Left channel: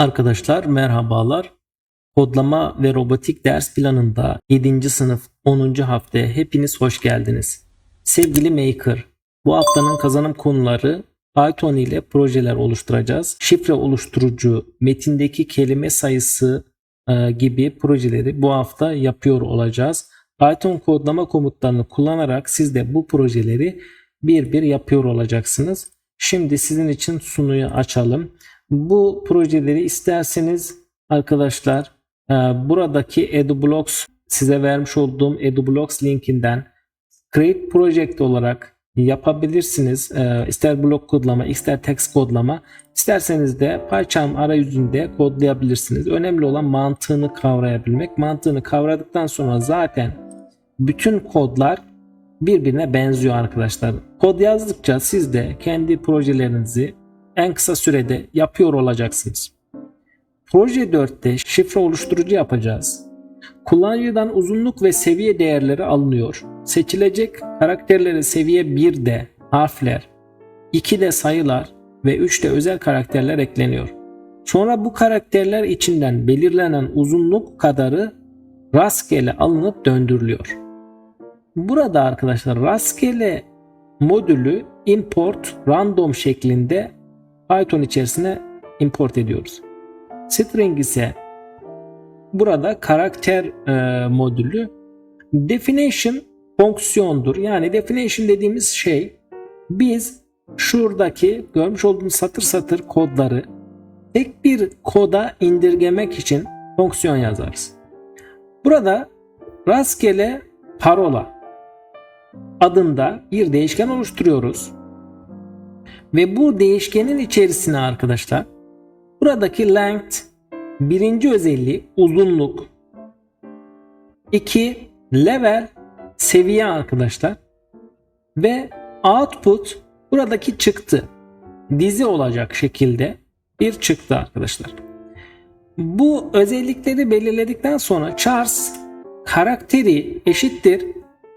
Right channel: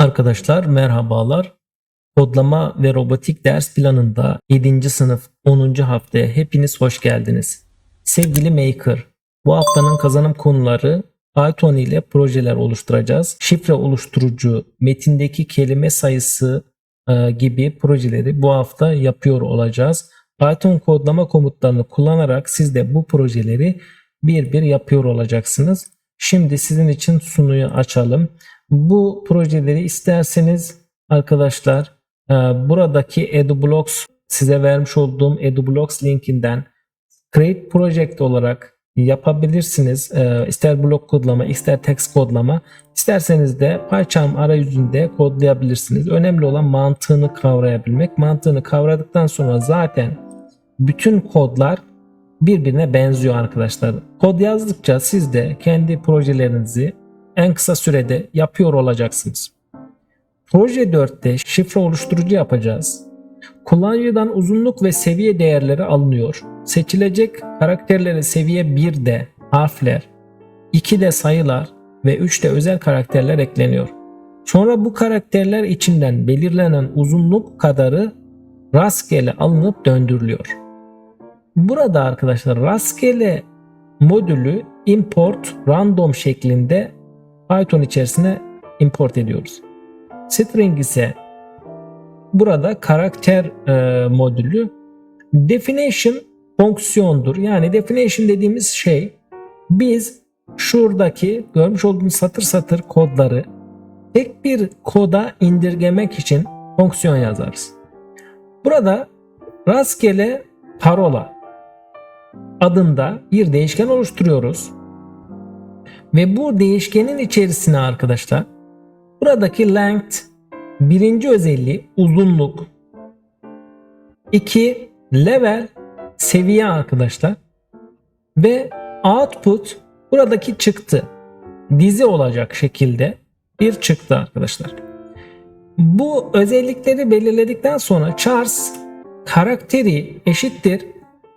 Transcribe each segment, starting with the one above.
Arkadaşlar merhabalar. Kodlama ve robotik ders planında 7. sınıf 10. haftaya hepiniz hoş geldiniz. Sevgili Maker, bu haftanın kazanım konuları Python ile projeler oluşturacağız. Şifre oluşturucu, metindeki kelime sayısı gibi projeleri bu hafta yapıyor olacağız. Python kodlama komutlarını kullanarak siz de bu projeleri bir bir yapıyor olacaksınız. Şimdi sizin için sunuyu açalım. Bu projeleri isterseniz arkadaşlar buradaki EduBlocks size vermiş olduğum EduBlocks linkinden Create Project olarak yapabilirsiniz. İster blok kodlama, ister text kodlama, isterseniz de PyCharm arayüzünde kodlayabilirsiniz. Önemli olan mantığını kavrayabilmek. Mantığını kavradıktan sonra zaten bütün kodlar birbirine benziyor arkadaşlar. Kod yazdıkça siz de kendi projelerinizi en kısa sürede yapıyor olacaksınız. Proje 4'te şifre oluşturucu yapacağız. Kullanıcıdan uzunluk ve seviye değerleri alınıyor. Seçilecek karakterlere seviye 1'de harfler, 2'de sayılar ve 3'te özel karakterler ekleniyor. Sonra bu karakterler içinden belirlenen uzunluk kadarı rastgele alınıp döndürülüyor. Burada arkadaşlar rastgele modülü import random şeklinde Python içerisine import ediyoruz. String ise burada karakter modülü. Definition fonksiyondur. Yani definition dediğimiz şey biz şuradaki görmüş olduğunuz satır satır kodları tek bir koda indirgemek için fonksiyon yazarız. Burada rastgele parola adında bir değişken oluşturuyoruz. Ve bu değişkenin içerisine arkadaşlar buradaki length birinci özelliği uzunluk, 2 level seviye arkadaşlar ve output buradaki çıktı dizi olacak şekilde bir çıktı arkadaşlar. Bu özellikleri belirledikten sonra chars karakteri eşittir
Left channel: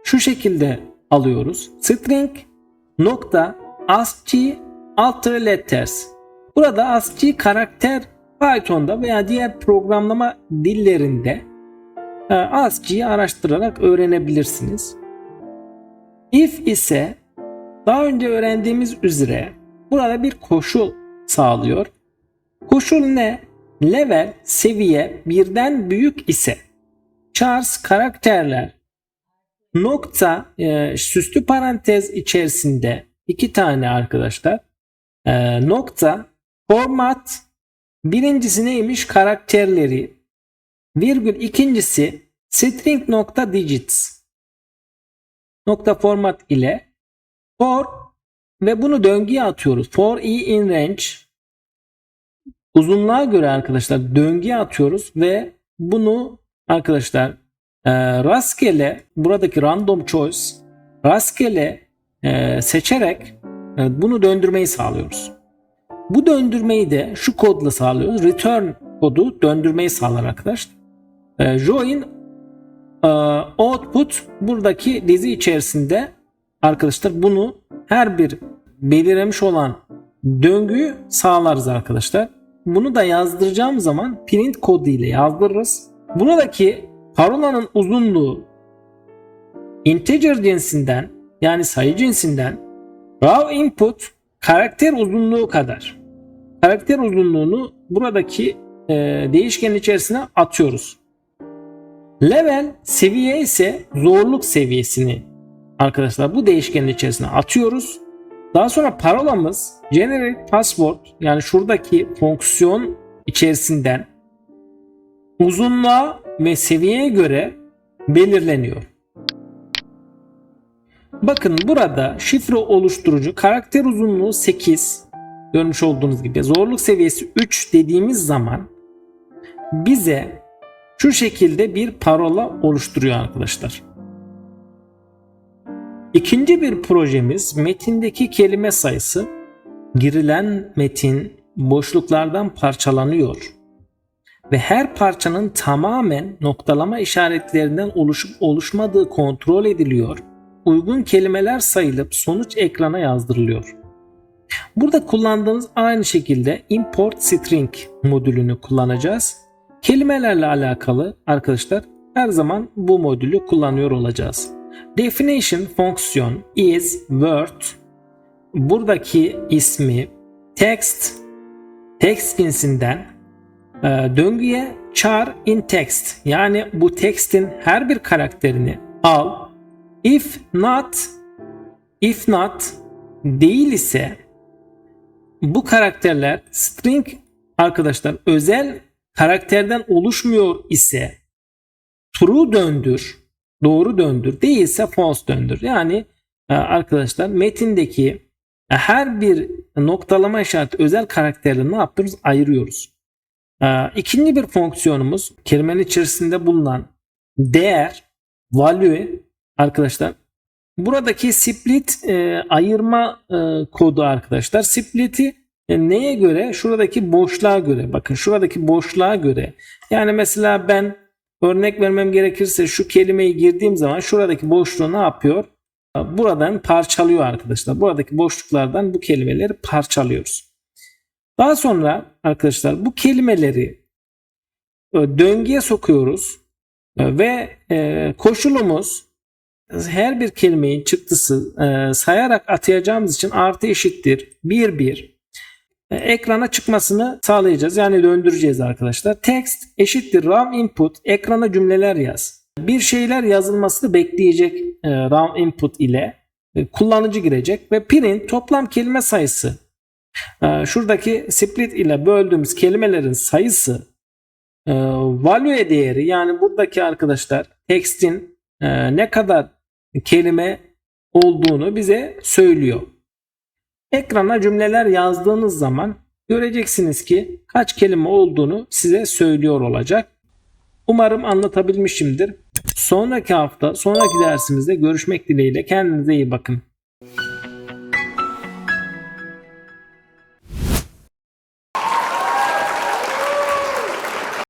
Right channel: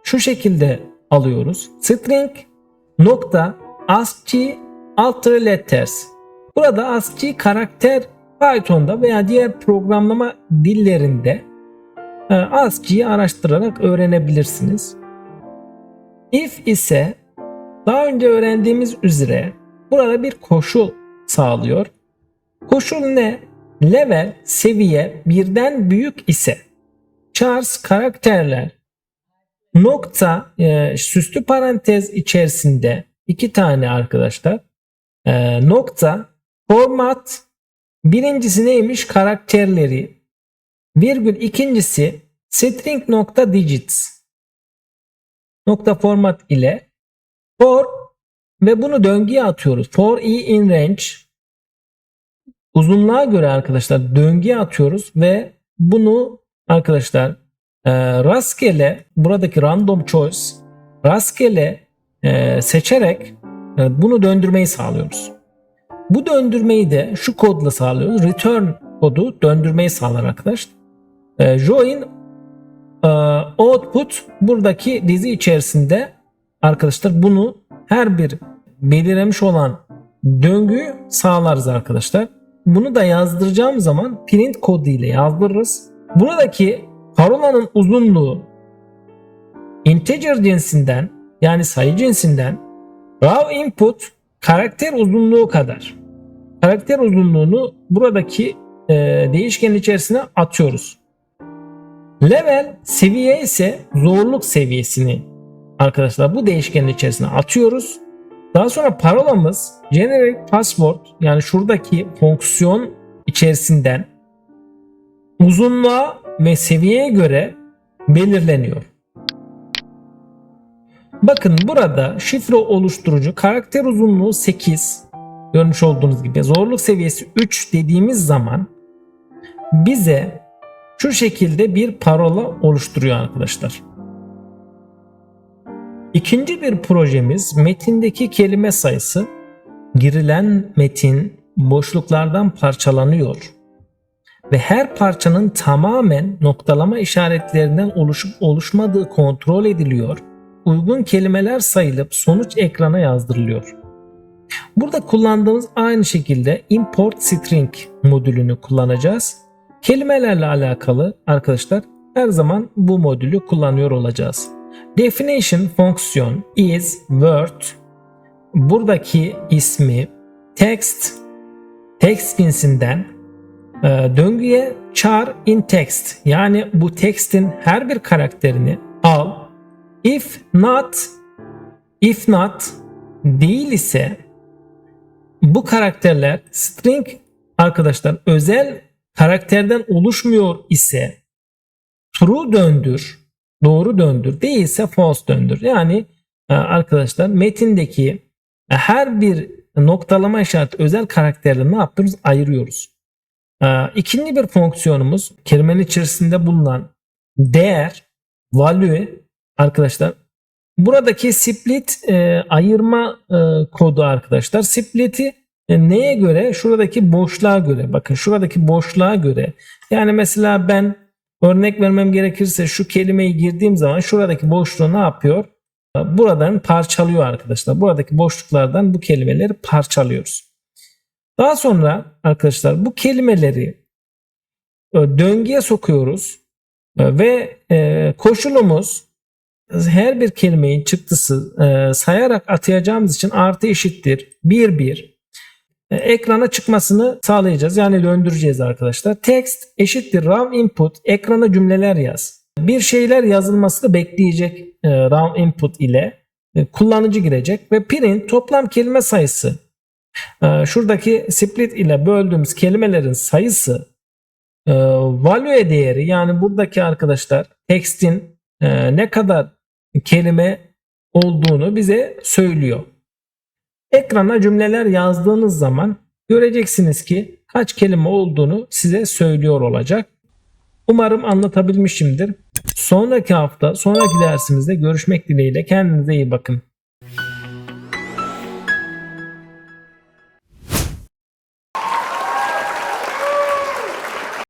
şu şekilde alıyoruz. String nokta ASCII alter letters. Burada ASCII karakter Python'da veya diğer programlama dillerinde ASCII'yi araştırarak öğrenebilirsiniz. If ise daha önce öğrendiğimiz üzere burada bir koşul sağlıyor. Koşul ne? Level seviye birden büyük ise chars karakterler nokta süslü parantez içerisinde 2 tane arkadaşlar nokta format birincisi neymiş? Karakterleri virgül ikincisi string nokta digits nokta format ile for ve bunu döngüye atıyoruz. For i in range uzunluğa göre arkadaşlar döngüye atıyoruz ve bunu arkadaşlar rastgele buradaki random choice rastgele seçerek bunu döndürmeyi sağlıyoruz. Bu döndürmeyi de şu kodla sağlıyoruz. Return kodu döndürmeyi sağlar arkadaşlar. Join output buradaki dizi içerisinde arkadaşlar bunu her bir belirlemiş olan döngüyü sağlarız arkadaşlar. Bunu da yazdıracağım zaman print kodu ile yazdırırız. Buradaki parolanın uzunluğu integer cinsinden yani sayı cinsinden raw input karakter uzunluğu kadar. Karakter uzunluğunu buradaki değişkenin içerisine atıyoruz. Level seviye ise zorluk seviyesini arkadaşlar bu değişkenin içerisine atıyoruz. Daha sonra parolamız generate password yani şuradaki fonksiyon içerisinden uzunluğa ve seviyeye göre belirleniyor. Bakın burada şifre oluşturucu karakter uzunluğu 8 görmüş olduğunuz gibi zorluk seviyesi 3 dediğimiz zaman bize şu şekilde bir parola oluşturuyor arkadaşlar. İkinci bir projemiz metindeki kelime sayısı. Girilen metin boşluklardan parçalanıyor ve her parçanın tamamen noktalama işaretlerinden oluşup oluşmadığı kontrol ediliyor. Uygun kelimeler sayılıp sonuç ekrana yazdırılıyor. Burada kullandığımız aynı şekilde import string modülünü kullanacağız. Kelimelerle alakalı arkadaşlar her zaman bu modülü kullanıyor olacağız. Definition fonksiyon is word, buradaki ismi text cinsinden döngüye char in text, yani bu text'in her bir karakterini al. If not değil ise bu karakterler string arkadaşlar özel karakterden oluşmuyor ise true döndür, doğru döndür, değilse false döndür. Yani arkadaşlar metindeki her bir noktalama işareti özel karakterle ne yapıyoruz? Ayırıyoruz. İkinci bir fonksiyonumuz kelimenin içerisinde bulunan değer, value arkadaşlar. Buradaki split ayırma kodu arkadaşlar. Split'i neye göre? Şuradaki boşluğa göre. Bakın şuradaki boşluğa göre. Yani mesela ben örnek vermem gerekirse şu kelimeyi girdiğim zaman şuradaki boşluğu ne yapıyor? Buradan parçalıyor arkadaşlar. Buradaki boşluklardan bu kelimeleri parçalıyoruz. Daha sonra arkadaşlar bu kelimeleri döngüye sokuyoruz ve koşulumuz her bir kelimenin çıktısı sayarak atayacağımız için artı eşittir 1 ekrana çıkmasını sağlayacağız. Yani döndüreceğiz arkadaşlar. Text eşittir raw input, ekrana cümleler yaz. Bir şeyler yazılması da bekleyecek raw input ile kullanıcı girecek ve print toplam kelime sayısı. Şuradaki split ile böldüğümüz kelimelerin sayısı value değeri, yani buradaki arkadaşlar text'in ne kadar kelime olduğunu bize söylüyor. Ekrana cümleler yazdığınız zaman göreceksiniz ki kaç kelime olduğunu size söylüyor olacak. Umarım anlatabilmişimdir. Sonraki hafta, sonraki dersimizde görüşmek dileğiyle. Kendinize iyi bakın.